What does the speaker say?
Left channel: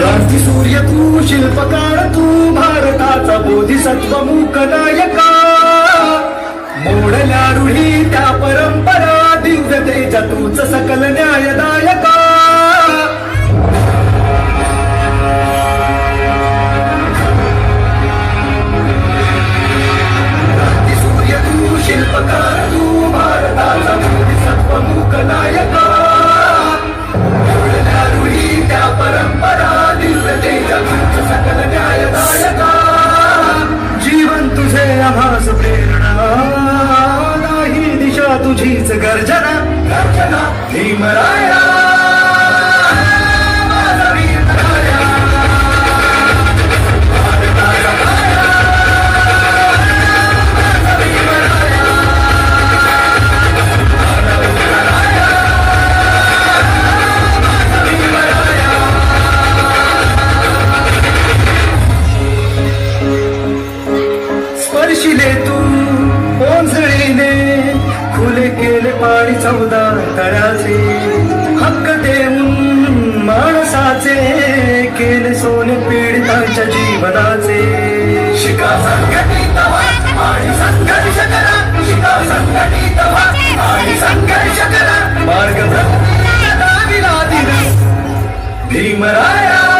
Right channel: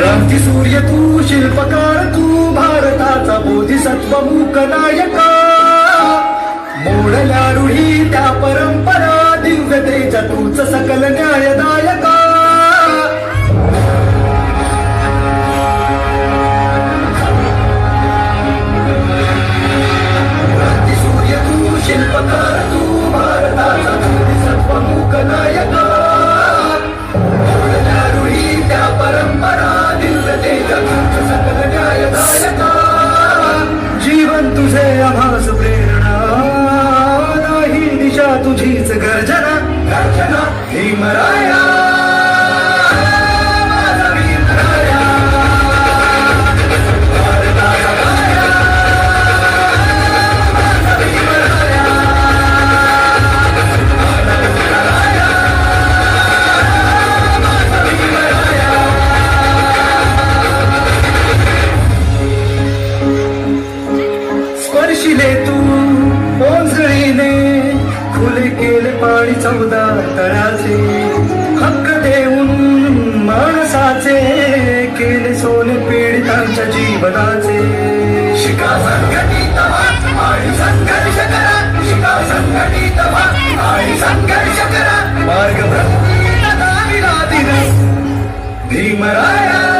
क्रांती सूर्य तू शिल्पकार तू भारताचा बोधिसत्व मूक नायका मोडल्या रुढी त्या परंपरा दिव्यतेच्या तूच सकल न्यायदायका. क्रांती सूर्य तू शिल्पकार तू तुझीच गर्जना गर्जना ही मराया पाणी तळ्याचे हक्क देऊन माणसाचे केले सोने पीडितांच्या जीवनाचे. शिका संघटित आणि संघर्ष करा. शिका संघटित आणि संघर्ष करा. मार्ग भीमराया